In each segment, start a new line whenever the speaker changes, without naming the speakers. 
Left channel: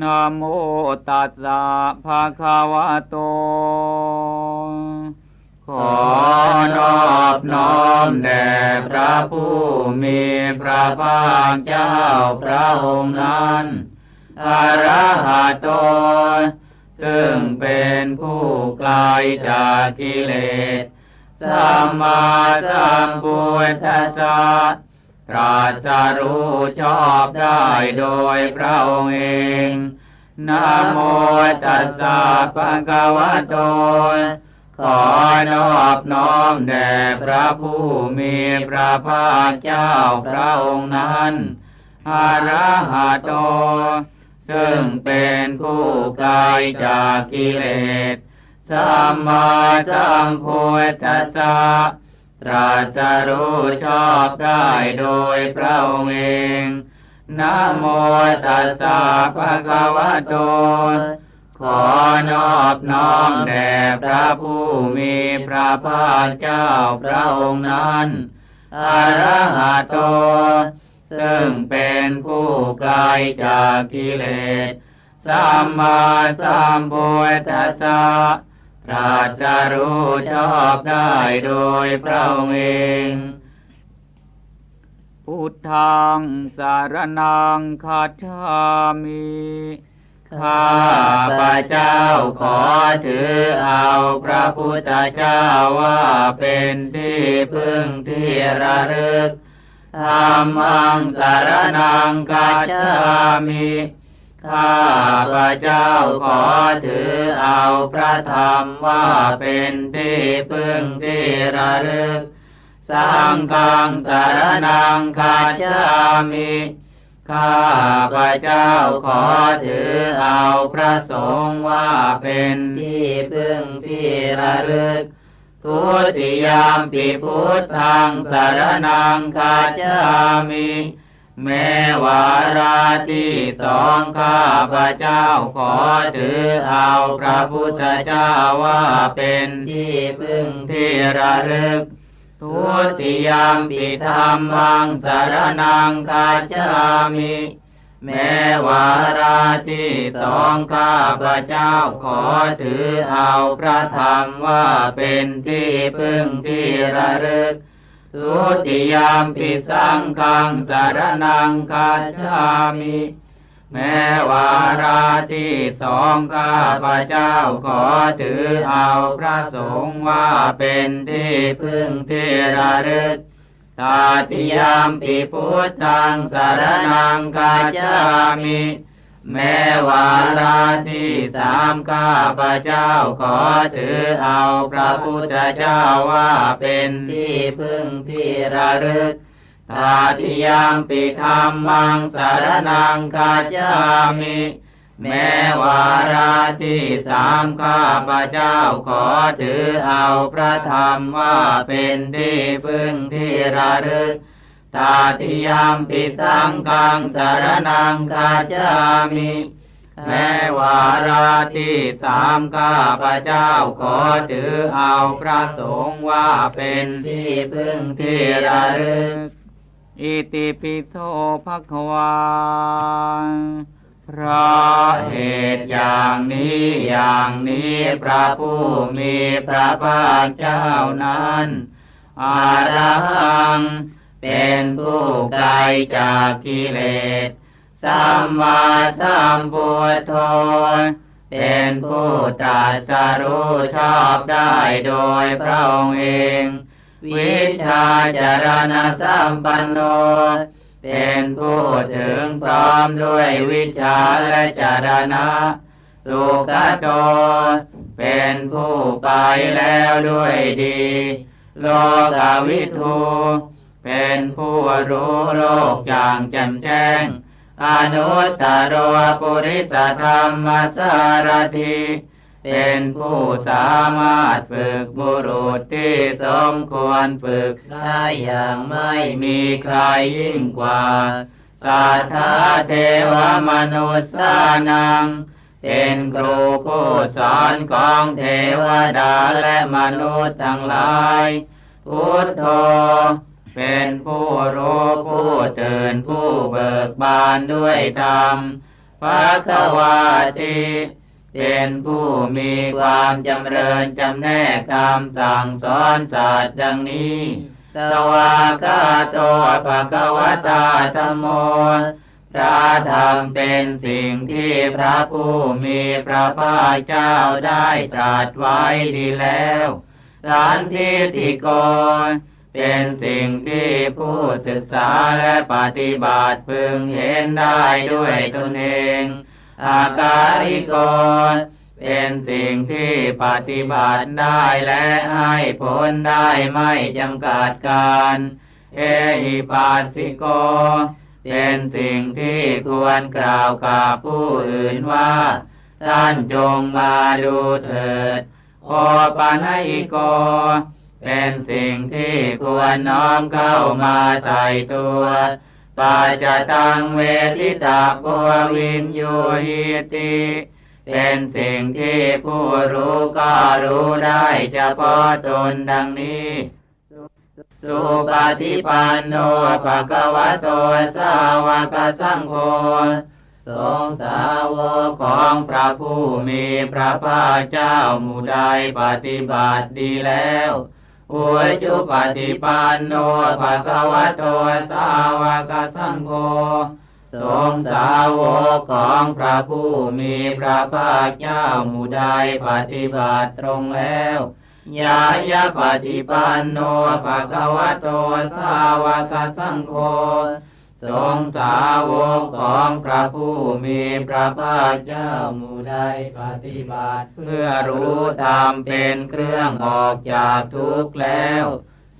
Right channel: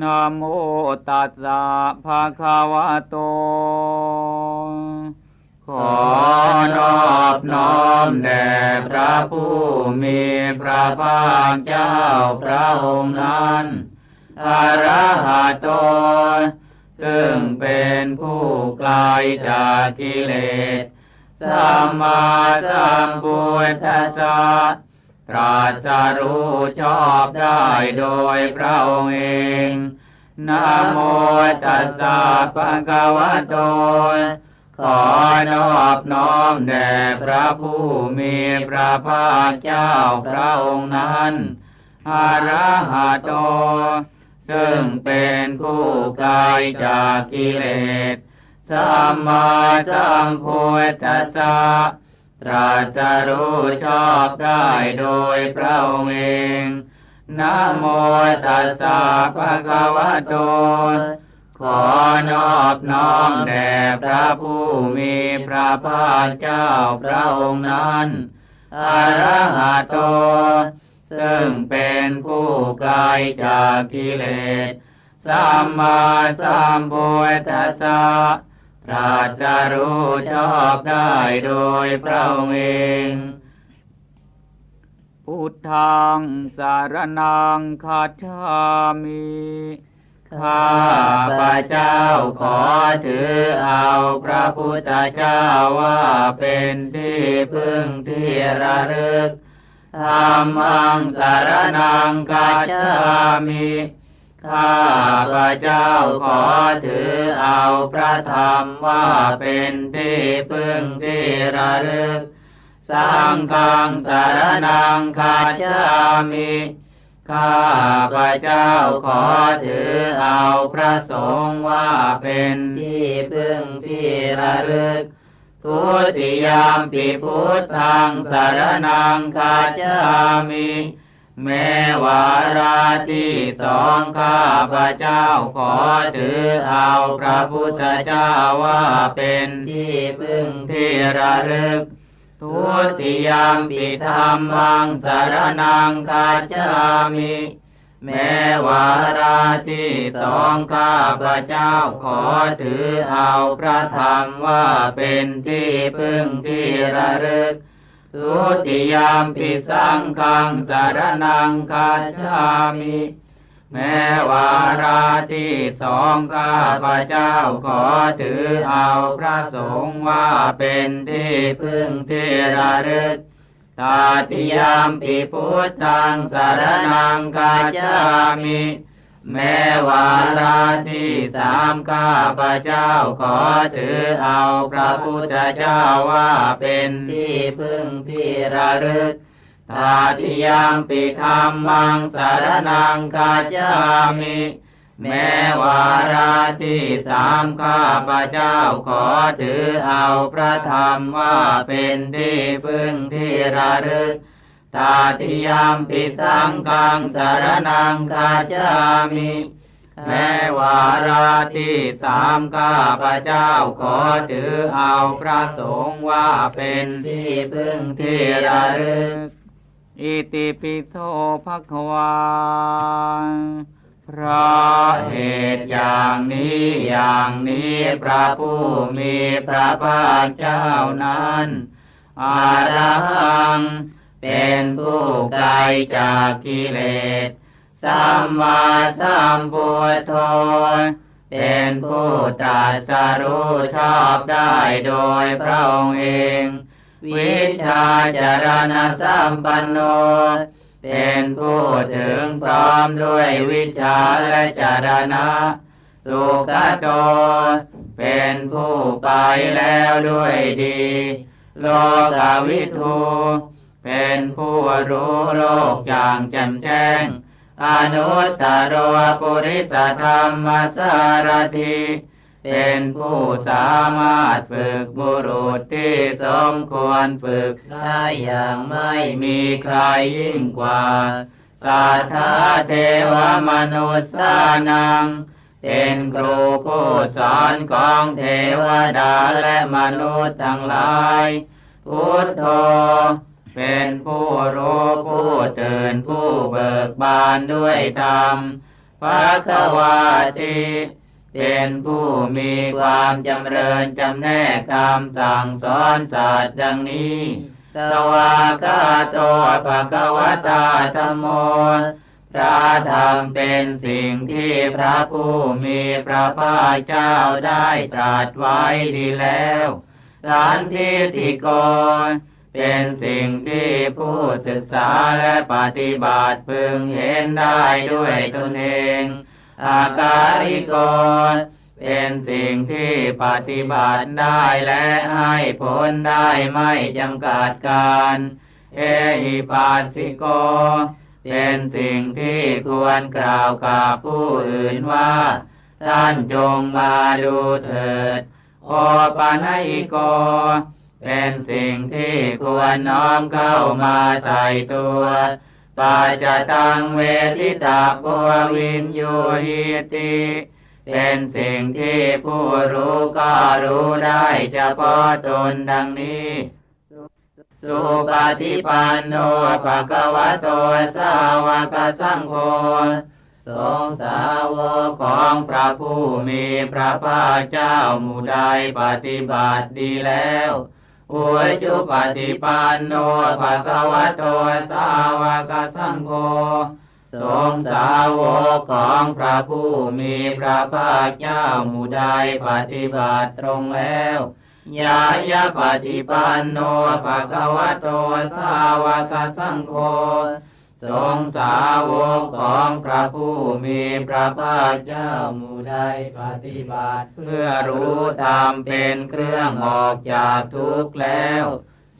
นะโมตัสสะภะคะวะโต ขอนอบน้อมแด่พระผู้มีพระภาคเจ้าพระองค์นั้นอรหัตโต ซึ่งเป็นผู้ไกลจากกิเลส สัมมาสัมพุทธัสสะ ตรัสรู้ชอบได้โดยพระองค์เองนะโมตัสสะภะคะวะโตขอนอบน้อมแด่พระผู้มีพระภาคเจ้าพระองค์นั้นอรหัตโต ซึ่งเป็นผู้ไกลจากกิเลสสัมมาสัมพุทธัสสะ ตรัสรู้ชอบได้โดยพระองค์เองนะโมตัสสะภะคะวะโต ขอนอบน้อมแด่พระผู้มีพระภาคเจ้าพระองค์นั้นอรหัตโต ซึ่งเป็นผู้ไกลจากกิเลส สัมมาสัมพุทธัสสะ ตรัสรู้ชอบได้โดยพระองค์เองพุทธังสารนังคัจฉามิข้าพระเจ้าขอถือเอาพระพุทธเจ้าว่าเป็นที่พึ่งที่ระลึกธรรมังสารนังคัจฉามิ ข้าพระเจ้าขอถือเอาพระธรรมว่าเป็นที่พึ่งที่ระลึกสังฆังสารนังคัจามิข้าพระเจ้าขอถือเอาพระสงฆ์ว่าเป็นที่พึ่งที่ระลึก ทุติยามปิพุทธังสารนังคัจามิ แม้วาราที่สองข้าพระเจ้าขอถือเอาพระพุทธเจ้าว่าเป็นที่พึ่งที่ระลึก ทุติยามปิธรรมังสารนังคัจามิแม้วาราที่สองข้าพระเจ้าขอถือเอาพระธรรมว่าเป็นที่พึ่งที่ระลึก ทุติยามปิสังฆังสารนังคัจฉามิ แม้วาราที่สองข้าพระเจ้าขอถือเอาพระสงฆ์ว่าเป็นที่พึ่งที่ระลึกตาติยามปิพุทธังสารนังคัจฉามิ แม้วาราที่สามข้าพระเจ้าขอถือเอาพระพุทธเจ้าว่าเป็นที่พึ่งที่ระลึกตาติยามปิธรรมังสารนังคัจามิ แม้วาราที่สามข้าพระเจ้าขอถือเอาพระธรรมว่าเป็นที่พึ่งที่ระลึก ตาติยามปิสังฆังสารนังคัจามิแม้วาราที่สามข้าพระเจ้าขอถือเอาพระสงฆ์ว่าเป็นที่พึ่งที่ระลึกอิติปิโสภควาเพราะเหตุอย่างนี้อย่างนี้พระผู้มีพระภาคเจ้านั้นอารัง เป็นผู้ไกลจากกิเลส สัมมาสัมพุทโธ เป็นผู้ตรัสรู้ชอบได้โดยพระองค์เอง วิชาจารณสัมปันโน เป็นผู้ถึงพร้อมด้วยวิชาและจารณะ สุขโต เป็นผู้ไปแล้วด้วยดี โลกวิทู เป็นผู้รู้โลกอย่างแจ่มแจ้ง อนุตตรปุริสธรรมสารถีเป็นผู้สามารถฝึกบุรุษที่สมควรฝึกได้อย่างไม่มีใครยิ่งกว่าสัทธาเทวมนุษย์สานัง เป็นครูผู้สอนของเทวดาและมนุษย์ทั้งหลาย พุทโธ เป็นผู้รู้ผู้ตื่นผู้เบิกบานด้วยธรรมภะควาติเป็นผู้มีความจำเริญจำแนกคำสั่งสอนศาสตร์ดังนี้ สวากาโตภะคะวตาธรรมโมพระธรรมเป็นสิ่งที่พระผู้มีพระภาคเจ้าได้ตรัสไว้ดีแล้ว สันทิติโก เป็นสิ่งที่ผู้ศึกษาและปฏิบัติพึงเห็นได้ด้วยตนเองอาการิโกเป็นสิ่งที่ปฏิบัติได้และให้ผลได้ไม่จำกัดการ เอหิปัสสิโก เป็นสิ่งที่ควรกล่าวกับผู้อื่นว่า ท่านจงมาดูเถิด โอปานิโก เป็นสิ่งที่ควรน้อมเข้ามาใส่ตัวปาจะตังเวทิตาโพวินยูหิติเป็นสิ่งที่ผู้รู้ก็รู้ได้เฉพาะตนดังนี้ สุปฏิปันโนภะคะวะโตสาวกสังโฆสงสาวกของพระผู้มีพระภาคเจ้าหมู่ใดปฏิบัติดีแล้ว อุจุปฏิปันโนภะคะวะโตสาวกสังโฆสงสาวกของพระผู้มีพระภาคเจ้าหมู่ใดปฏิบัติตรงแล้วยายาปฏิปันโนภะคะวะโตสาวกสังโฆ สงสาวกของพระผู้มีพระภาคเจ้ามู่ใดปฏิบัติ เพื่อรู้ตามเป็นเครื่องออกจากทุกข์แล้ว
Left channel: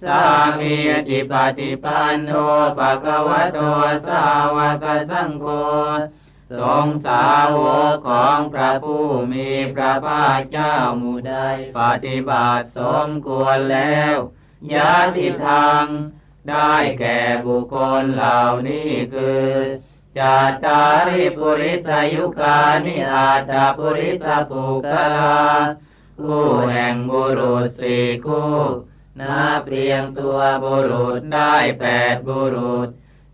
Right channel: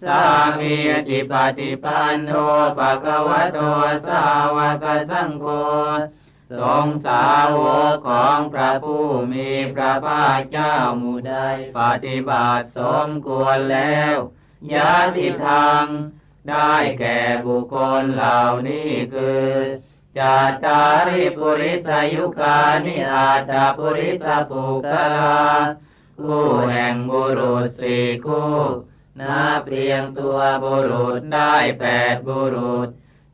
สามีจิปฏิปันโนภะคะวะโตสาวกสังโฆสงสาวกของพระผู้มีพระภาคเจ้ามู่ใดปฏิบัติสมควรแล้วยาติทาง ได้แก่บุคคลเหล่านี้คือจาตาริปุริสายุคานิอาตาปุริสปุกลาคู่แห่งบุรุษสี่คู่นับเรียงตัวบุรุษได้แปดบุรุษ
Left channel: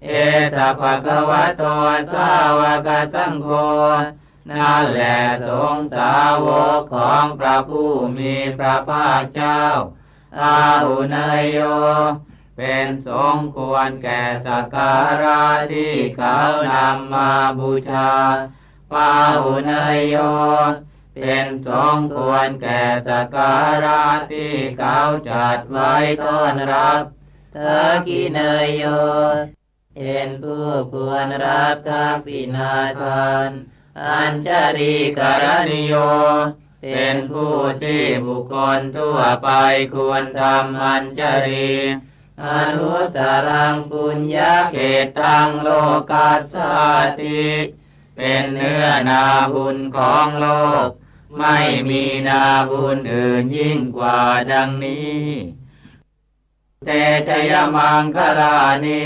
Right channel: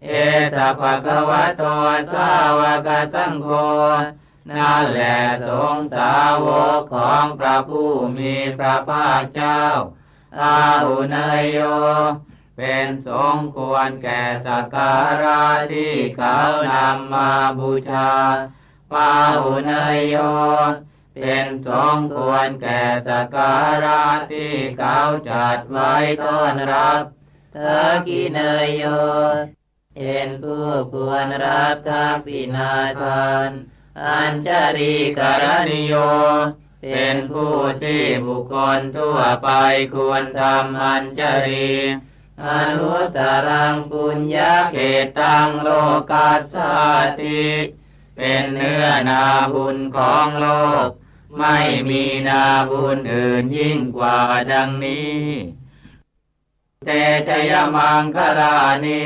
เอตภะคะวะโตสาวกสังโฆนั่นแหละสงสาวกของพระผู้มีพระภาคเจ้าอาหุเนยโย เป็นสงควรแก่สักการะที่เขานำมาบูชาปาหุเนยโยเป็นสงควรแก่สักการะที่เขาจัดไว้ต้อนรับเธอกิเนยโยเป็นผู้ควรรับทักษิณาทานอัญชรีกรณิโย เป็นผู้ที่บุคคลทั่วไปควรทำอัญชรี อนุตรังปุญญาเขตังโลกัสสาติ เป็นเนื้อนาบุญของโลก ไม่มีนาบุญอื่นยิ่งกว่าดังนี้เตชยมังคลานิ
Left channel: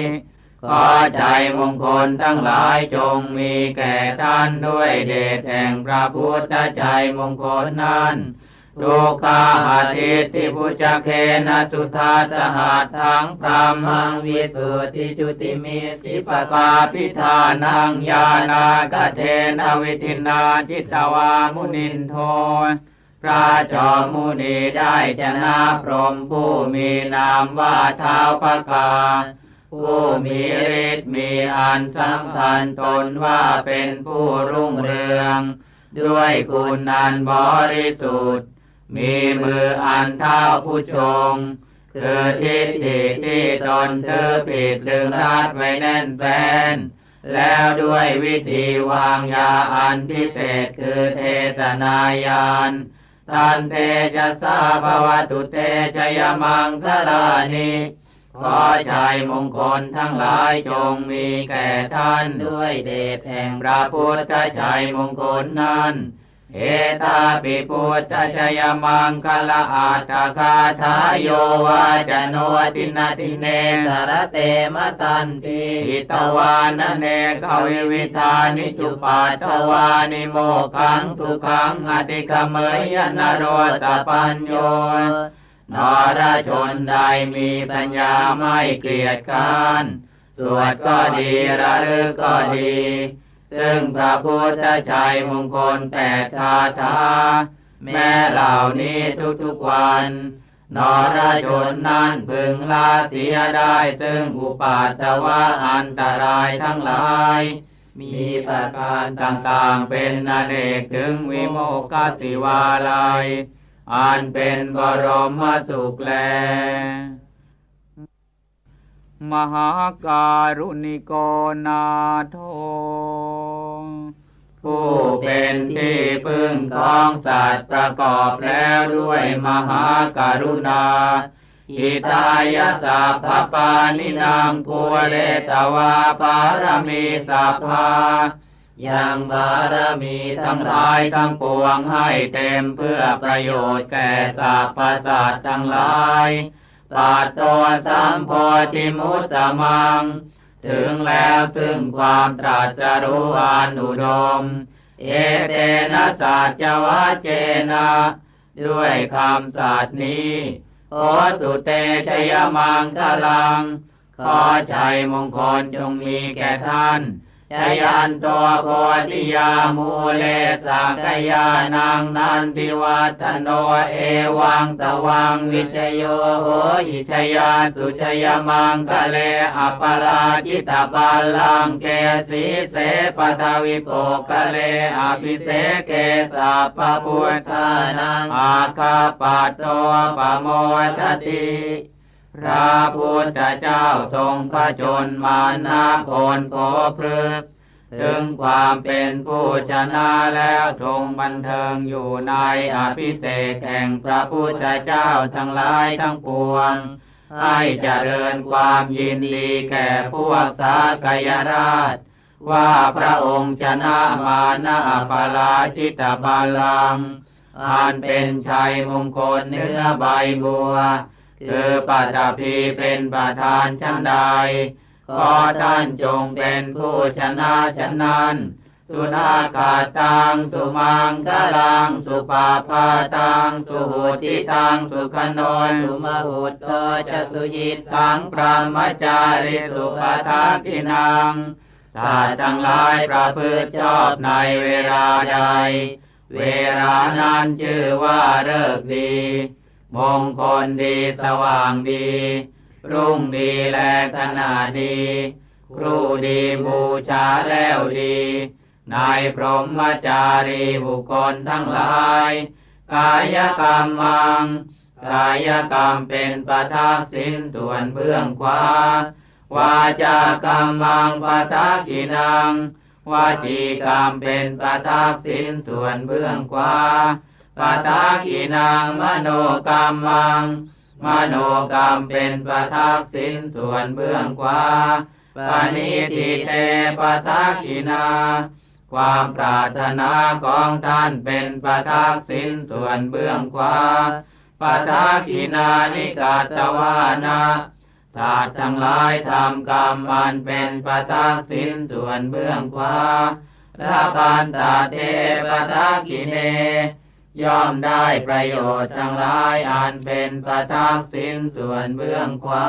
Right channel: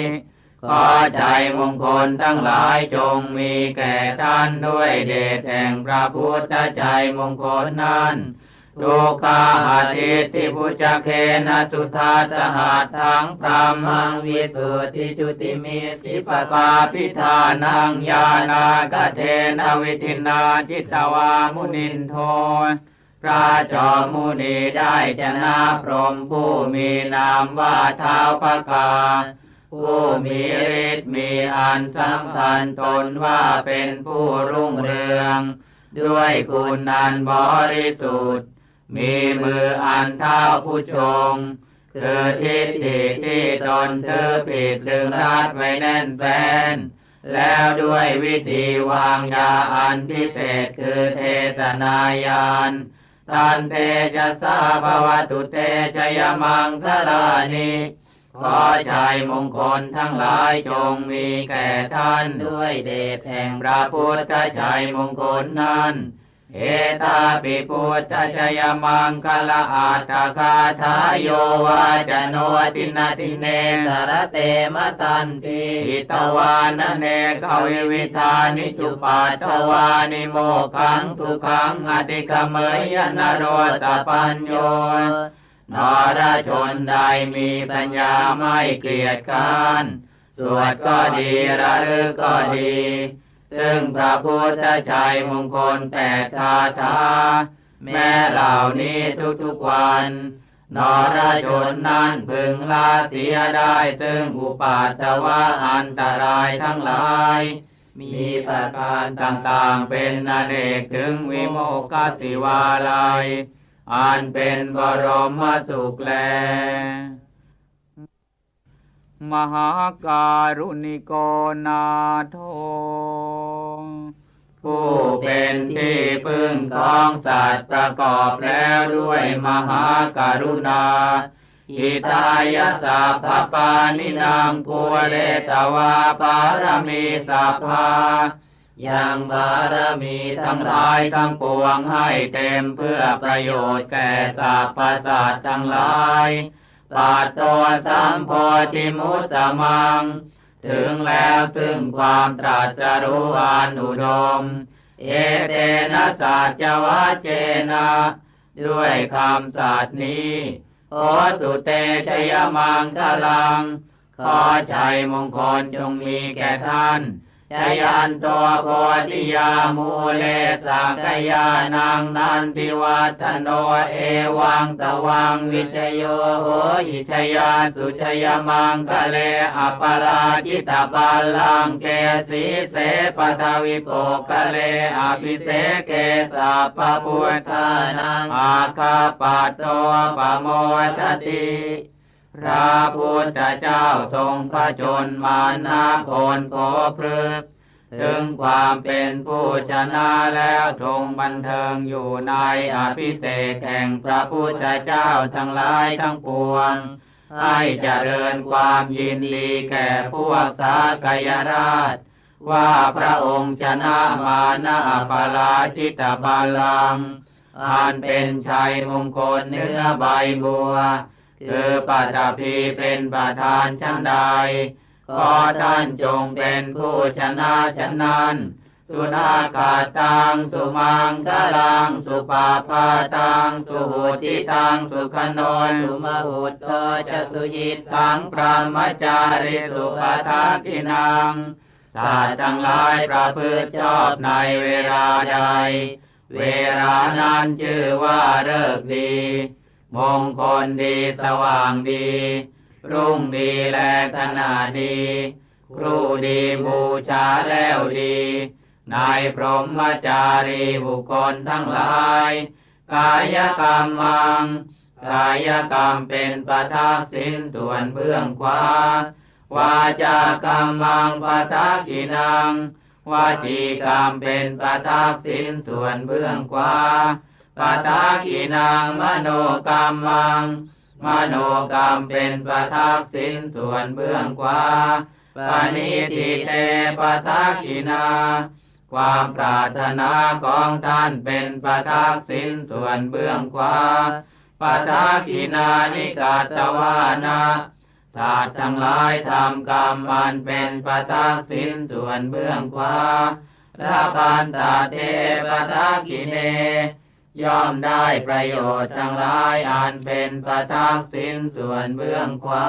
ขอใจมงคลทั้งหลายจงมีแก่ท่านด้วยเดชแห่งพระพุทธใจมงคลนั้น ทุกขาอาทิติพุจเคนะสุธาตหาทั้งพรามังวิสุทธิจุติมิติปตาพิธานังญาณากเทนวิทินาจิตวามุนินโทพระจอมมุนีได้ชนะพรหมผู้มีนามว่าเท้าพระกาผู้มีฤทธิ์มีอันสำคัญตนว่าเป็นผู้รุ่งเรือง ด้วยคุณอันบริสุทธิ์ มีมืออันเท่าผู้ชงคือทิฏฐิที่ตนเธอผิดลึงรัดไว้แน่นแฟน แล้วด้วยวิธีวางยาอันพิเศษคือเทศนายานตันเพจะสาภวตุเตชยมังคลานิขอชัยมงคลทั้งหลายจงมีแก่ท่านด้วยเดชแห่งพระพุทธชัยมงคลนั้น เอตาปิพุทธชยมังคลาอาตคาทายโยวาจโนตินาติเนสรเตมตันติอิตวานเนกวิวิธานิจุปัตตวานิโมขังสุขังอติกเมยนโรสปัญโยนรชนใดมีปัญญาไม่เกียจค้านสวดก็ดีระลึกก็ดี ซึ่งพระพุทธชัยมงคลแปดคาถาแม้เหล่านี้ทุกๆวันนรชนนั้นพึงละเสียได้ซึ่งอุปาทวะอันตรายทั้งหลาย มีประการต่างๆเป็นอเนกถึงวิโมกขสิวาลัย อันเป็นบรมสุขแล มหาการุณิโกนาโท ผู้เป็นที่พึ่งของสัตว์ประกอบแล้วด้วยมหาการุณาอิตายาสัพพปานินางภูเลตวาปารมีสัพพายังบารมีทั้งหลายทั้งปวงให้เต็มเพื่อประโยชน์แก่สรรพสัตว์ทั้งหลายตัดตัวสัมโพธิมุตตะมัง ถึงแล้วซึ่งความตรัสรู้อนุดม เอเตนะสัจวัจเจนะ ด้วยคำสัตย์นี้โอตุเตชยมังคลัง ขอชัยมงคลจงมีแก่ท่าน ชยันตัวโพธิยามูเลสักยานังนันทิวัตโนเอวังตวังวิชโยโหหิชยาสุชยมังคะเลอปราจิตาปัลลังเกสีเสปทวิโปคะเลอภิเสเกสัพพพุทธานังอาคาปัตโตปโมทติ พระพุทธเจ้าทรงพระชนมานาคนโผพฤกถึงความเป็นผู้ชนะแล้วทรงบันเทิงอยู่ในอภิเศษแห่งพระพุทธเจ้าทั้งหลายทั้งปวง ให้เจริญความยินดีแก่พวกสากยราช ว่าพระองค์ชนะมานาปาราชิตบาลังอันเป็นชัยมงคลเนื้อใบบัว คือปัตภีเป็นประธานชั้นใด ขอท่านจงเป็นผู้ชนะชนั้น สุนาคาตัง สุมังคลัง สุปาปาตัง สุหุติตัง สุขโนสุมหุตโตจะสุยิตตังพระมจาริสุปทากินังสัตว์ทั้งหลายประพฤติชอบในเวลาใด เวลานั้นชื่อว่าเลิกษ์ดี มงคลดีสว่างดี รุ่งดีแลขนาดดี ครูดีบูชาแล้วดี นายพรหมจารีบุคคลทั้งหลาย กายกรรมมัง กายกรรมเป็นประทักษิณส่วนเบื้องขวาวาจากรรมมังประทักกินังวาจีกรรมเป็นประทักษิณส่วนเบื้องขวา ปะทากินางมโนกรรมัง มโนกรรมเป็นประทักษิณส่วนเบื้องขวาปานิทิเตปะทากินา ความปรารถนาของท่านเป็นประทักษิณส่วนเบื้องขวาปะทากินานิกาตวานาสัตว์ทั้งหลายทำกรรมมันเป็นประทักษิณส่วนเบื้องขวาละพันตาเทปะทากิเน ย่อมได้ประโยชน์ทั้งหลายอันเป็นประทักษิณส่วนเบื้องขวา